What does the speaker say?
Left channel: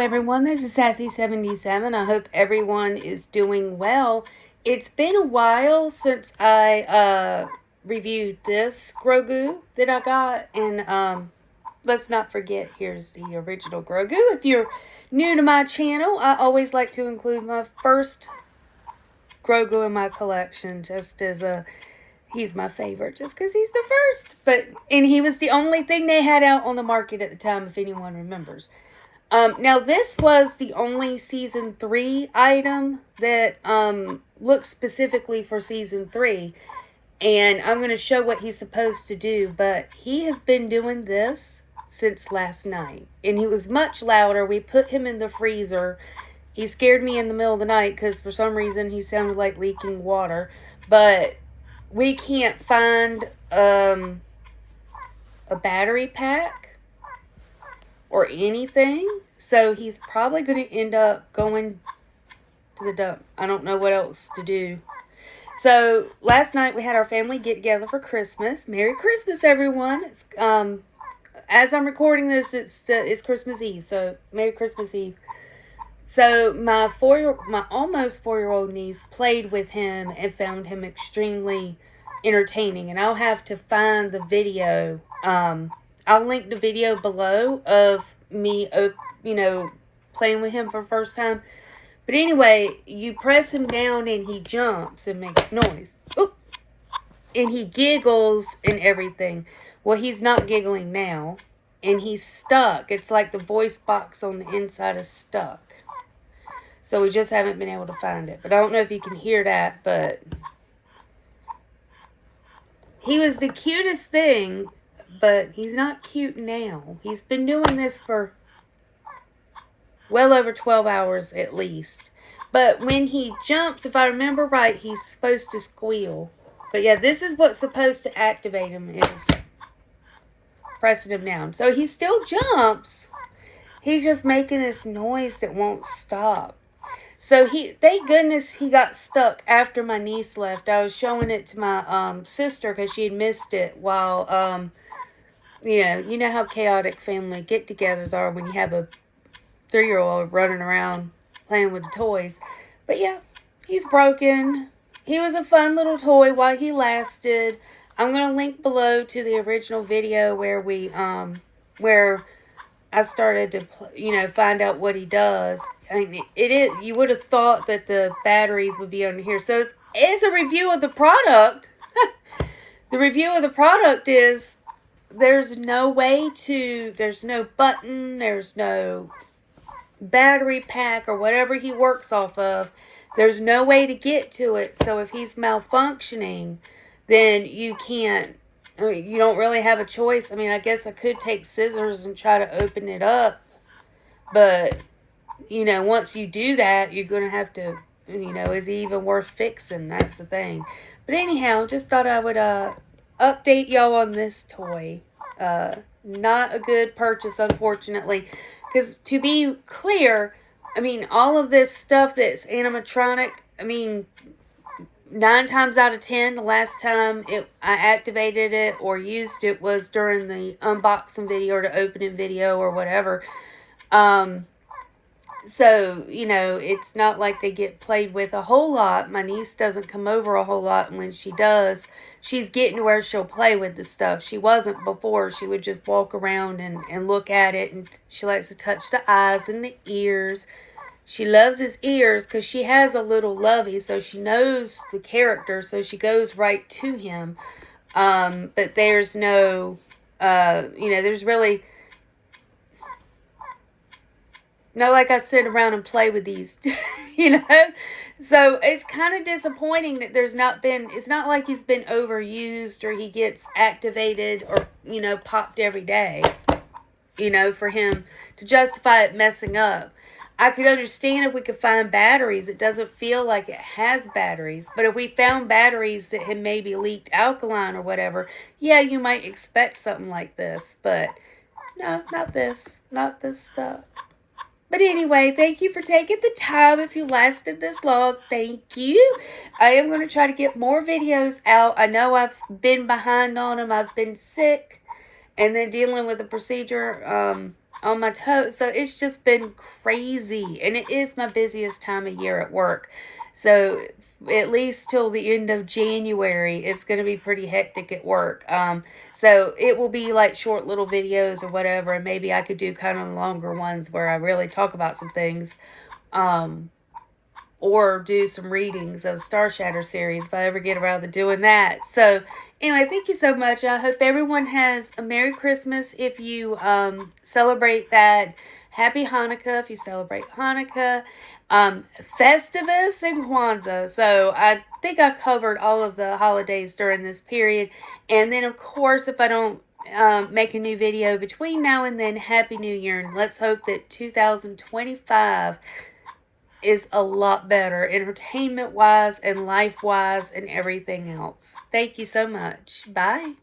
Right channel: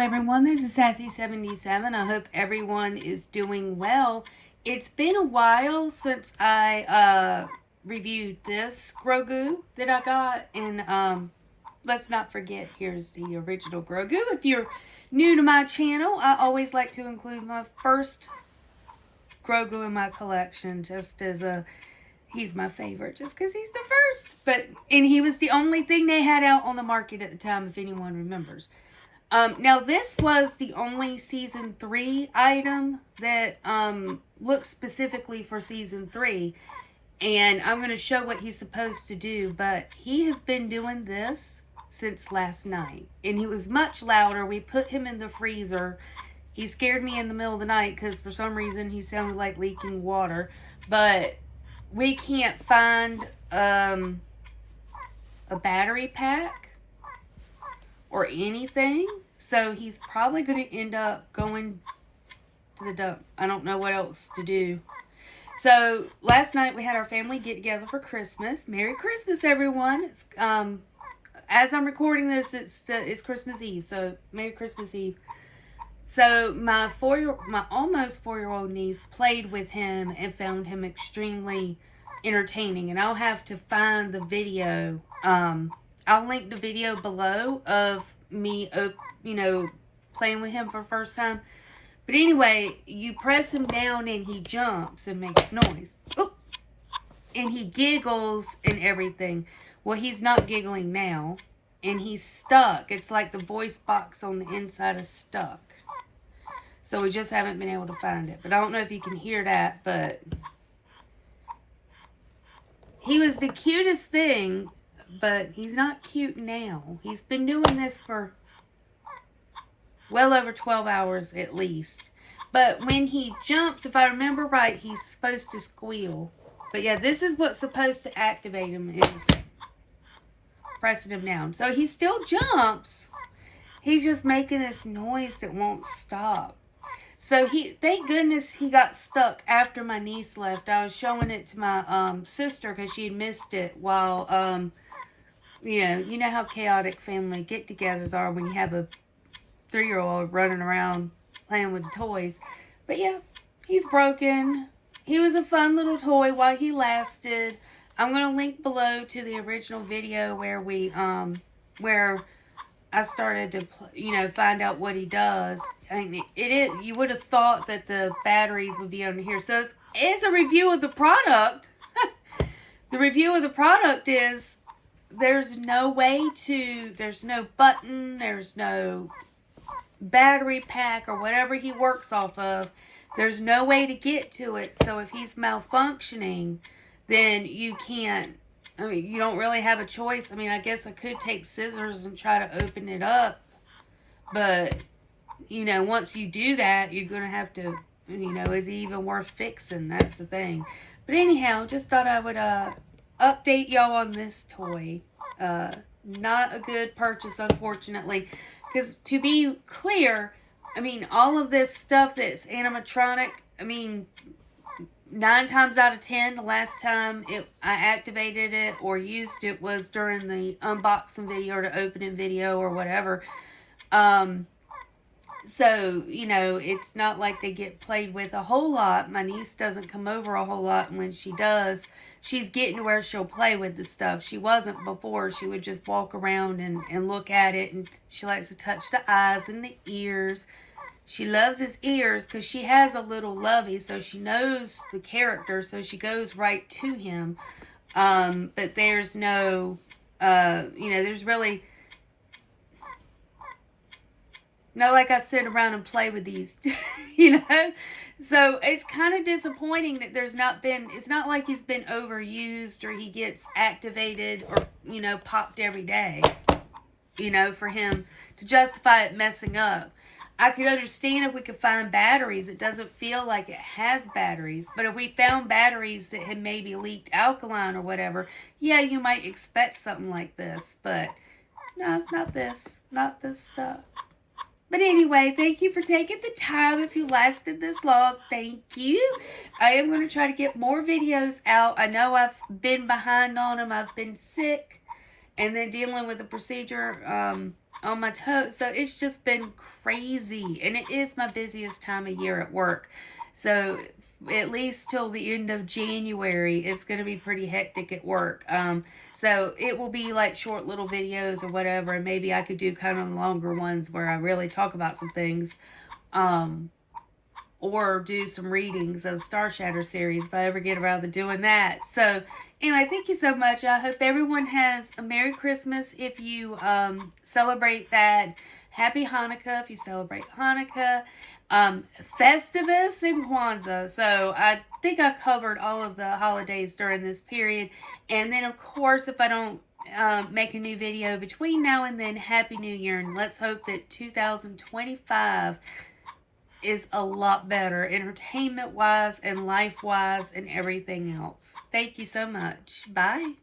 everyone, this is Sassy77. I hope everyone is doing well. It's been a while since I reviewed this Grogu that I got, and let's not forget, here's the original Grogu. If you're new to my channel, I always like to include my first Grogu in my collection, just as he's my favorite, just because he's the first. And he was the only thing they had out on the market at the time, if anyone remembers. Now this was the only season 3 item that looks specifically for season 3, and I'm going to show what he's supposed to do. But he has been doing this since last night, and he was much louder. We put him in the freezer. He scared me in the middle of the night because for some reason he sounded like leaking water, but we can't find a battery pack or anything, so he's probably going to end up going to the dump. I don't know what else to do. So last night we had our family get together for Christmas. Merry Christmas, everyone. It's, as I'm recording this, it's Christmas Eve, so Merry Christmas Eve. So my almost 4-year-old niece played with him and found him extremely entertaining, and I'll have to find the video. I'll link the video below of me, playing with him for the first time. But anyway, you press him down and he jumps and makes noise. Oop. And he giggles and everything. Well, he's not giggling now. And he's stuck. It's like the voice box on the inside is stuck. So we just haven't been able to find it. But I don't know if you can hear that, but he was the cutest thing. But he's not cute now. He's been doing this for well over 12 hours at least. But when he jumps, if I remember right, he's supposed to squeal. But yeah, this is what's supposed to activate him, is pressing him down. So he still jumps. He's just making this noise that won't stop. So thank goodness he got stuck after my niece left. I was showing it to my sister because she had missed it while you know how chaotic family get-togethers are when you have a 3-year-old running around playing with the toys. But yeah, he's broken. He was a fun little toy while he lasted. I'm going to link below to the original video where where I started to, find out what he does. I mean, you would have thought that the batteries would be under here. So it's a review of the product. The review of the product is there's no button, there's no battery pack or whatever he works off of. There's no way to get to it. So if he's malfunctioning, then you don't really have a choice. I mean, I guess I could take scissors and try to open it up. But, once you do that, you're going to have to, is he even worth fixing? That's the thing. But anyhow, just thought I would update y'all on this toy. Not a good purchase, unfortunately. Because to be clear, I mean, all of this stuff that's animatronic, I mean, 9 times out of 10, the last time I activated it or used it was during the unboxing video or the opening video or whatever. So, it's not like they get played with a whole lot. My niece doesn't come over a whole lot, and when she does, she's getting to where she'll play with the stuff. She wasn't before. She would just walk around and look at it, and she likes to touch the eyes and the ears. She loves his ears because she has a little lovey, so she knows the character, so she goes right to him. But there's no, there's really not like I sit around and play with these, So it's kind of disappointing that it's not like he's been overused or he gets activated or, popped every day, for him to justify it messing up. I could understand if we could find batteries. It doesn't feel like it has batteries. But if we found batteries that had maybe leaked alkaline or whatever, yeah, you might expect something like this. But no, not this. Not this stuff. But anyway, thank you for taking the time. If you lasted this long, thank you. I am going to try to get more videos out. I know I've been behind on them. I've been sick and then dealing with the procedure. on my toes. So it's just been crazy. And it is my busiest time of year at work. So at least till the end of January, it's going to be pretty hectic at work. So it will be like short little videos or whatever. And maybe I could do kind of longer ones where I really talk about some things. Um, or do some readings of the Star Shatter series if I ever get around to doing that. So, anyway, thank you so much. I hope everyone has a Merry Christmas if you celebrate that. Happy Hanukkah if you celebrate Hanukkah. Festivus and Kwanzaa. So, I think I covered all of the holidays during this period. And then, of course, if I don't make a new video between now and then, Happy New Year. And let's hope that 2025 is a lot better entertainment wise and life wise and everything else. Thank you so much. Bye.